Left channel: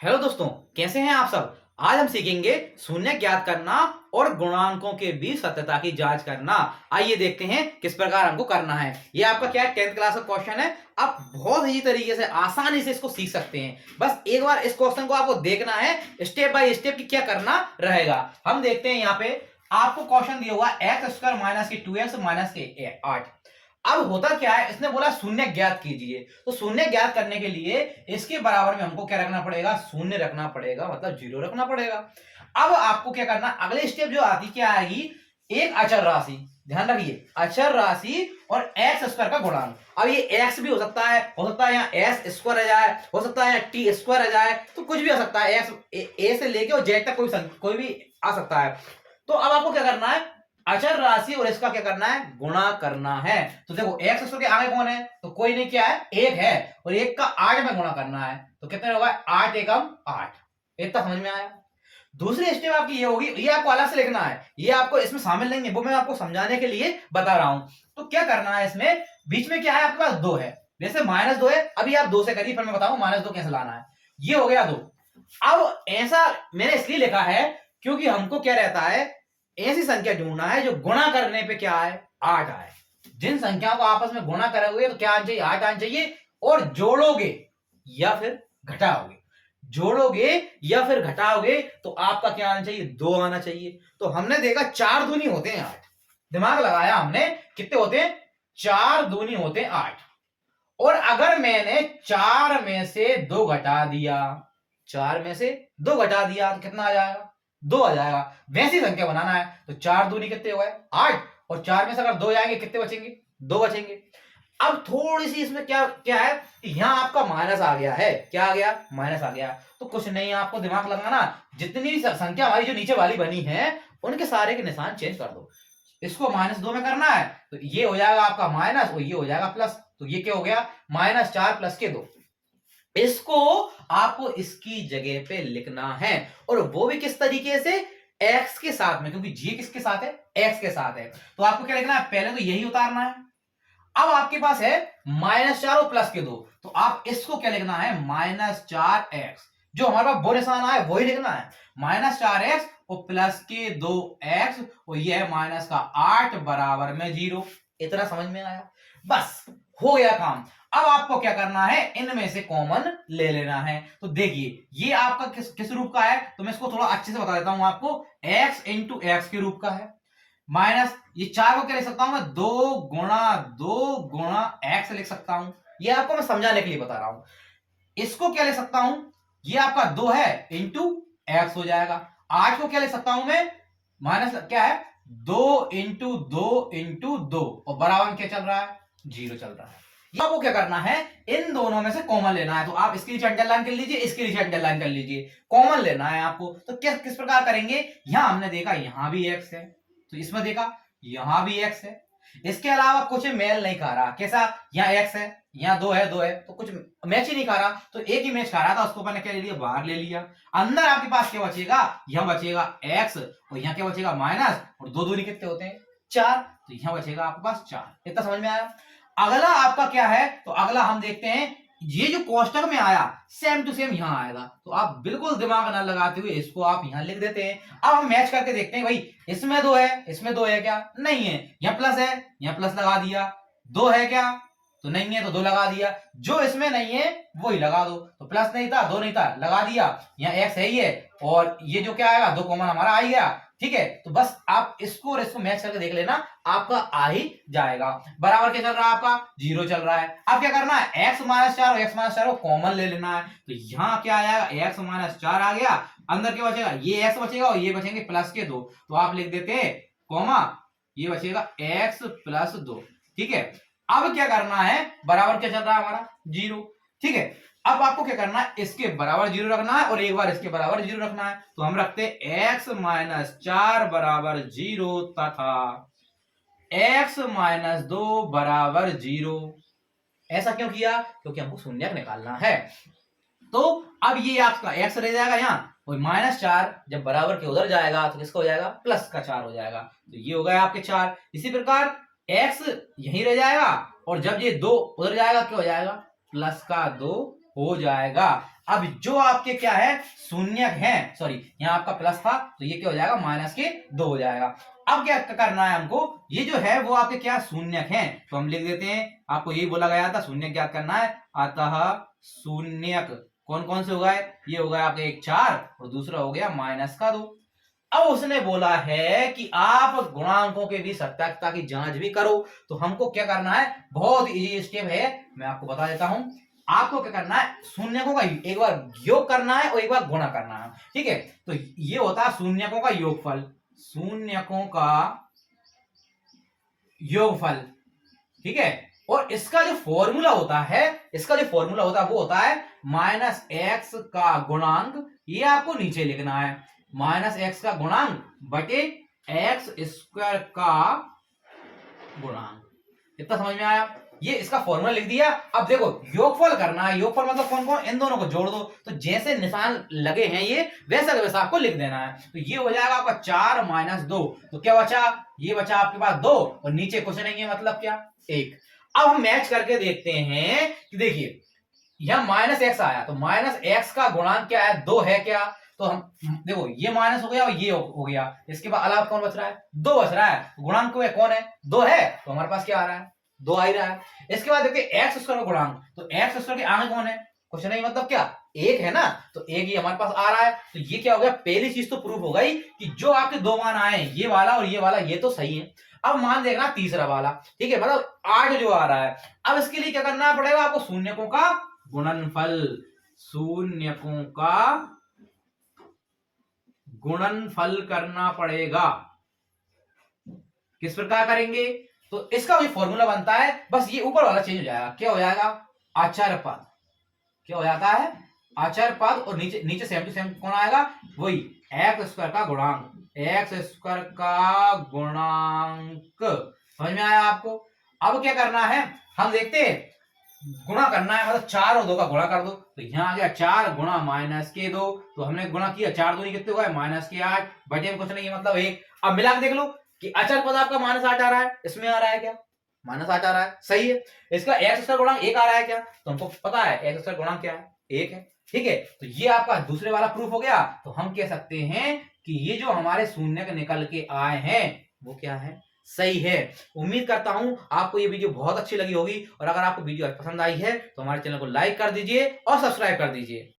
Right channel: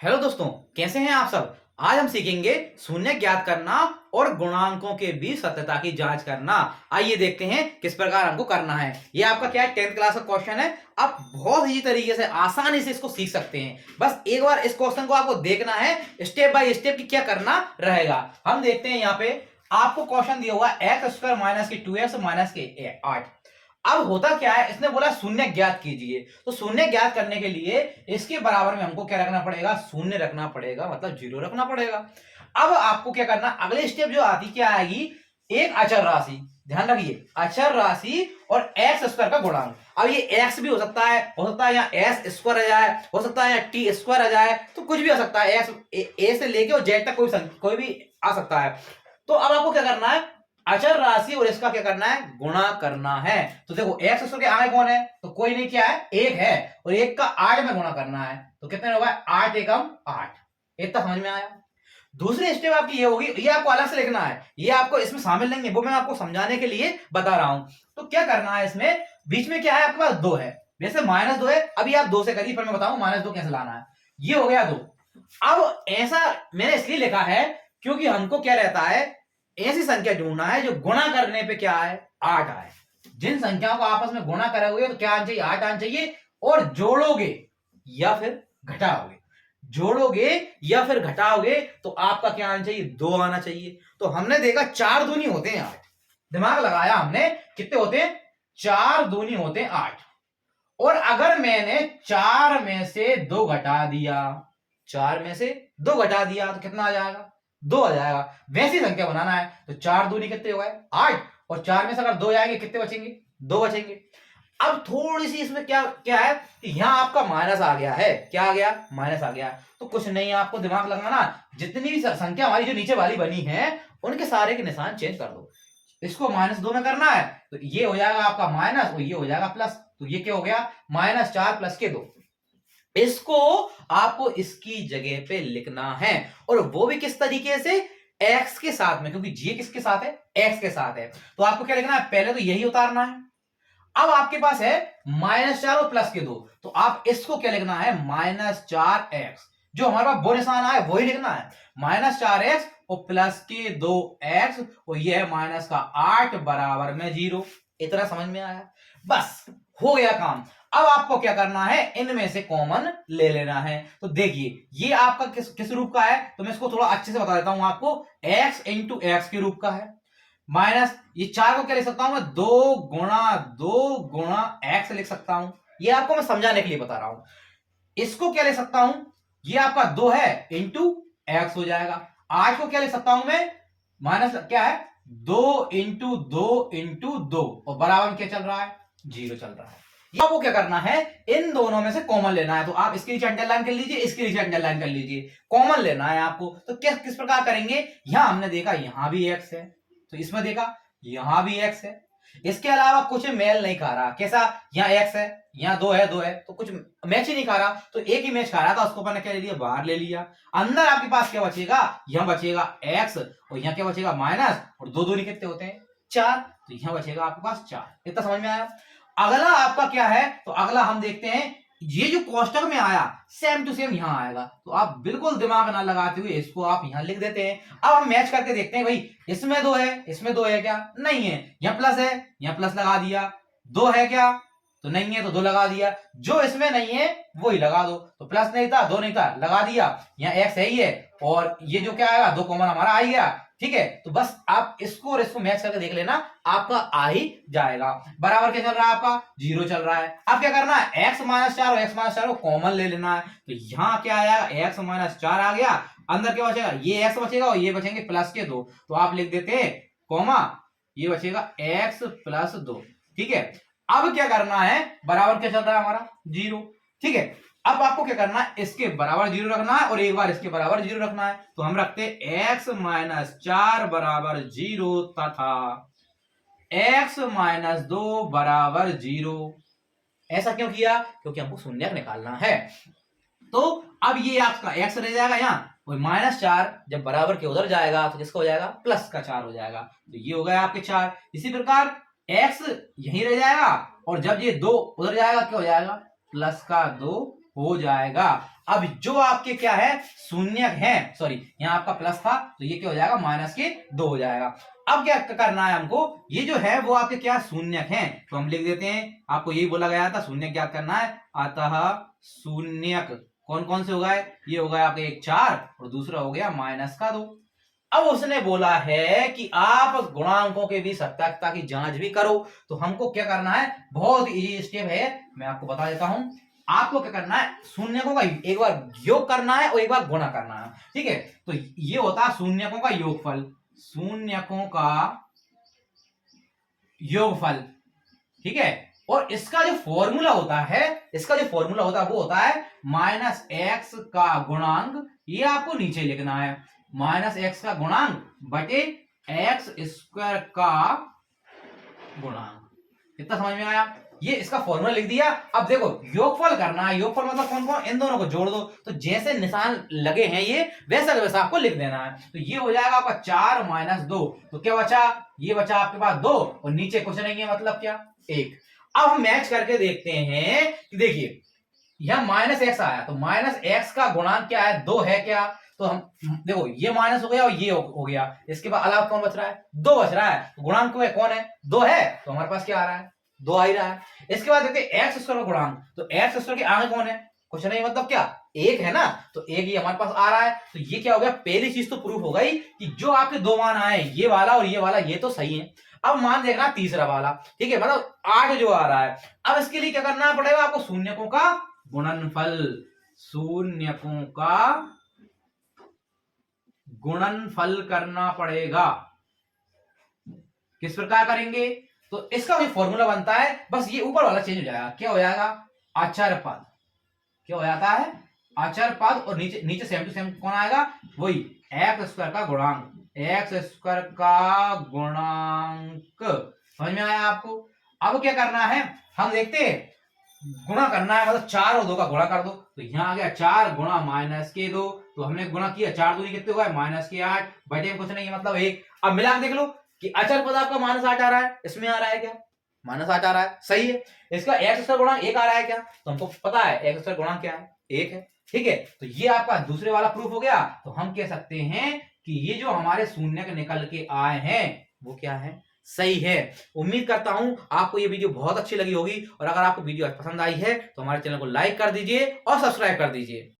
Hello दोस्तों, कैसे हैं आप सब। आज हम सीखेंगे शून्य ज्ञात करना और गुणांकों के बीच सत्यता की जांच करना। आइए देखते हैं किस प्रकार हमको करना है। ये आपका क्या है, 10th क्लास का क्वेश्चन है। आप बहुत ही तरीके से आसानी से इसको सीख सकते हैं। बस एक बार इस क्वेश्चन को आपको देखना है, स्टेप बाय स्टेप की क्या करना रहेगा। हम देखते हैं यहाँ पे आपको क्वेश्चन दिया हुआ एक्स स्क्वायर माइनस की 2x माइनस के 8। अब होता क्या है, इसने बोला शून्य ज्ञात कीजिए। तो शून्य ज्ञात करने के लिए इसके बराबर में हमको क्या रखना पड़ेगा, शून्य रखना पड़ेगा, मतलब जीरो रखना पड़ेगा। अब आपको क्या करना, अगले स्टेप जो आती क्या आएगी, एक अचर राशि। ध्यान रखिए, अचर राशि और एक्स स्क्वायर का गुणांक। अब ये एक्स भी हो सकता है यहाँ एक्स स्क्वायर आ जाए, हो सकता है टी स्क्वायर आ जाए, तो कुछ भी आ सकता है। एक्स ए से लेके और जेड तक कोई भी आ सकता है। तो अब आपको क्या करना है, अचर राशि और इसका क्या करना है, गुणा करना है। तो देखो एक्स स्क्वायर के आगे कौन है, तो कोई नहीं, क्या है, एक है। और एक का 8 में गुणा करना है, तो कितने होगा, 8 एकम 8। इतना समझ में आया। दूसरी स्टेप आपकी ये होगी, ये आपको अलग से लिखना है, ये आपको इसमें शामिल नहीं है, वो मैं आपको समझाने के लिए बता रहा हूं। तो क्या करना है, इसमें बीच में क्या है, आपके पास 2 है। वैसे -2 है, अभी आप 2 से करिए, फिर मैं बताऊं -2 कैसे लाना है। ये हो गया 2। अब ऐसा मैंने इसलिए लिखा है क्योंकि हमको क्या रहता है, ऐसी संख्या ढूंढना है जो गुणा करने पे क्या है, 8 आए। जिन संख्याओं को आपस में गुणा करोगे तो क्या आना चाहिए, 8 आना चाहिए। और जोड़ोगे या फिर घटाओगे, जोड़ोगे या फिर घटाओगे तो आपका क्या आना चाहिए, 2 आना चाहिए। तो हमने देखा 4 दूनी होते हैं 8। दिमाग लगाया हमने, कितने होते हैं, 4 दूनी होते हैं 8। और अगर मैंने 4 में से 2 घटा दिया, 4 में से 2 घटा दिया तो कितना आ जाएगा, 2 आ जाएगा। वैसी संख्या बनाना है तो 4 दूनी कितने हो गए, 8। और 4 में से अगर 2 जाएंगे कितने बचेंगे, 2 बचेंगे। अब थोड़ी सी इसमें क्या क्या है, यहां आपका माइनस आ गया है। क्या आ गया, माइनस आ गया। तो कुछ नहीं, आपको दिमाग लगाना, जितनी भी संख्या हमारी जो नीचे वाली बनी है उनके सारे के निशान चेंज कर दो। इसको -2 में करना है तो ये हो जाएगा आपका माइनस और ये हो जाएगा प्लस। तो ये क्या हो गया, -4 प्लस के 2। इसको आपको इसकी जगह पे लिखना है, और वो भी किस तरीके से, x के साथ में, क्योंकि g किसके साथ है, x के साथ है। तो आपको क्या लिखना है, पहले तो यही उतारना है। अब आपके पास है -4 और प्लस के 2, तो आप इसको क्या लिखना है, -4x। जो हमारे पास वो निशान आए वही लिखना है, -4x और प्लस के 2x, और ये है माइनस का 8 बराबर में 0। इतना समझ में आया, बस हो गया काम। अब आपको क्या करना है, इनमें से कॉमन ले लेना है। तो देखिए ये आपका किस किस रूप का है, तो मैं इसको थोड़ा अच्छे से बता देता हूं आपको। x इंटू एक्स के रूप का है, माइनस ये 4 को क्या लिख सकता हूं मैं, 2 गुणा एक्स लिख सकता हूं। ये आपको मैं समझाने के लिए बता रहा हूं। इसको क्या लिख सकता हूं, ये आपका 2 है इंटू एक्स हो जाएगा। 8 को क्या लिख सकता हूं मैं, माइनस क्या है, 2 इंटू 2 और बराबर में क्या चल रहा है, 0 चल रहा है। आपको क्या करना है, इन दोनों में से कॉमन लेना है। तो आप इसके नीचे अंडरलाइन कर लीजिए, इसके नीचे अंडरलाइन कर लीजिए, कॉमन लेना है आपको। तो किस प्रकार करेंगे, यहां हमने देखा यहां भी एक्स है, तो इसमें देखा यहां भी एक्स है। इसके अलावा कुछ मेल नहीं खा रहा, कैसा, यहाँ एक्स है, यहाँ 2 है, तो कुछ मैच ही नहीं खा रहा। तो एक ही मैच खा रहा था, उसको मैंने क्या ले लिया, बाहर ले लिया। अंदर आपके पास क्या बचेगा, यहाँ बचेगा एक्स और यहाँ क्या बचेगा, माइनस, और 2 दूनी कितने होते हैं, 4। तो यहाँ बचेगा आपके पास 4। इतना समझ में आया। अगला आपका क्या है, तो अगला हम देखते हैं, ये जो कोष्टक में आया सेम टू सेम यहां आएगा। तो आप बिल्कुल दिमाग ना लगाते हुए इसको आप यहां लिख देते हैं। अब हम मैच करके देखते हैं, भाई इसमें 2 है, इसमें 2 है क्या, नहीं है। यहाँ प्लस है, यहाँ प्लस लगा दिया। 2 है क्या, तो नहीं है, तो 2 लगा दिया। जो इसमें नहीं है वही लगा दो। तो प्लस नहीं था, 2 नहीं था, लगा दिया। यहाँ एक्स है ही है, और ये जो क्या आएगा, 2 कॉमन हमारा आ गया। ठीक है, तो बस आप इसको और इसको मैच करके देख लेना, आपका आ ही जाएगा। बराबर क्या चल रहा है, आपका 0 चल रहा है। अब क्या करना है, x-4 और x-4 को कॉमन ले लेना है। तो यहाँ क्या आया, x-4 आ गया। अंदर क्या बचेगा, ये x बचेगा और ये बचेंगे प्लस के 2। तो आप लिख देते हैं कॉमा, ये बचेगा x प्लस 2। ठीक है, अब क्या करना है, बराबर क्या चल रहा है हमारा, 0। ठीक है, अब आपको क्या करना है, इसके बराबर 0 रखना है और एक बार इसके बराबर 0 रखना है। तो हम रखते हैं x-4 बराबर 0 तथा x-2 बराबर 0। ऐसा क्यों किया, क्योंकि हमको शून्यक निकालना है। तो अब ये आपका x रह जाएगा यहाँ, और -4 जब बराबर के उधर जाएगा तो किसका हो जाएगा, प्लस का 4 हो जाएगा। तो ये हो गया आपके 4। इसी प्रकार x यहीं रह जाएगा, और जब ये 2 उधर जाएगा क्या हो जाएगा, प्लस का 2 हो जाएगा। अब जो आपके क्या है शून्यक है, सॉरी यहाँ आपका प्लस था तो ये क्या हो जाएगा माइनस के 2 हो जाएगा। अब क्या करना है हमको, ये जो है वो आपके क्या शून्यक हैं तो हम लिख देते हैं, आपको यही बोला गया था शून्यक ज्ञात करना है। अतः शून्यक कौन कौन से हो गए, ये हो गया आपके एक 4 और दूसरा हो गया माइनस का 2। अब उसने बोला है कि आप गुणांकों के बीच सत्याकता की जांच भी करो, तो हमको क्या करना है, बहुत इजी स्टेप है, मैं आपको बता देता हूं। आपको क्या करना है, शून्यकों का एक बार योग करना है और एक बार गुणा करना है, ठीक है। तो ये होता है शून्यकों का योगफल, शून्यकों का योगफल, ठीक है। और इसका जो फॉर्मूला होता है, इसका जो फॉर्मूला होता है वो होता है माइनस एक्स का गुणांक, ये आपको नीचे लिखना है, माइनस एक्स का गुणांक बटे एक्स स्क्वायर का गुणांक। इतना समझ में आया, ये इसका फॉर्मूला लिख दिया। अब देखो योगफल करना है, योगफल मतलब कौन कौन, इन दोनों को जोड़ दो, तो जैसे निशान लगे हैं ये वैसा वैसा आपको लिख देना है। तो ये हो जाएगा आपका 4 माइनस 2, तो क्या बचा, ये बचा आपके पास 2 और नीचे कुछ नहीं है, मतलब क्या 1। अब हम मैच करके देखते हैं कि देखिए यह माइनस एक्स आया, तो माइनस एक्स का गुणांक क्या है, 2 है क्या, तो हम देखो ये माइनस हो गया और ये हो गया, इसके बाद अलावा कौन बच रहा है, 2 बच रहा है, गुणांक में कौन है 2 है, तो हमारे पास क्या आ रहा है 2 आ ही रहा है। इसके बाद देखते हैं एक्स स्क्वायर का गुणांक, तो एक्स स्क्वायर के आगे कौन है, कुछ नहीं, मतलब क्या 1 है ना, तो 1 ही हमारे पास आ रहा है। तो ये क्या हो गया, पहली चीज तो प्रूफ हो गई कि जो आपके 2 मान आए ये वाला और ये वाला ये तो सही है। अब मान देखना तीसरा वाला, ठीक है, मतलब 8 जो आ रहा है। अब इसके लिए क्या करना पड़ेगा आपको, शून्यकों का गुणनफल, शून्यकों का गुणनफल करना पड़ेगा। किस प्रकार करेंगे, तो इसका जो फॉर्मूला बनता है बस ये ऊपर वाला चेंज हो जाएगा, क्या हो जाएगा आचार्य पद, क्या हो जाता है आचार्य पद, और नीचे नीचे सेम टू सेम कौन आएगा, वही एक्स स्क्वायर का गुणांक, एक्स स्क्वायर का गुणांक। समझ में आया आपको। अब क्या करना है, हम देखते हैं गुणा करना है, मतलब 4 और 2 का गुणा कर दो, तो यहाँ आ गया 4 गुणा माइनस के 2, तो हमने गुणा किया 4 दूनी कितने हुआ है माइनस के 8, बटे में कुछ नहीं है मतलब 1। अब मिला के देख लो कि अचल पद आपका माइनस 8 आ रहा है, इसमें आ रहा है क्या माइनस 8 आ रहा है, सही है। इसका एक्स स्क्वायर गुणांक 1 आ रहा है क्या, तो हमको पता है एक्स स्क्वायर गुणांक क्या है 1 है, ठीक है। तो ये आपका दूसरे वाला प्रूफ हो गया। तो हम कह सकते हैं कि ये जो हमारे शून्य निकल के आए हैं वो क्या है, सही है। उम्मीद करता हूं आपको ये वीडियो बहुत अच्छी लगी होगी, और अगर आपको वीडियो पसंद आई है तो हमारे चैनल को लाइक कर दीजिए और सब्सक्राइब कर दीजिए।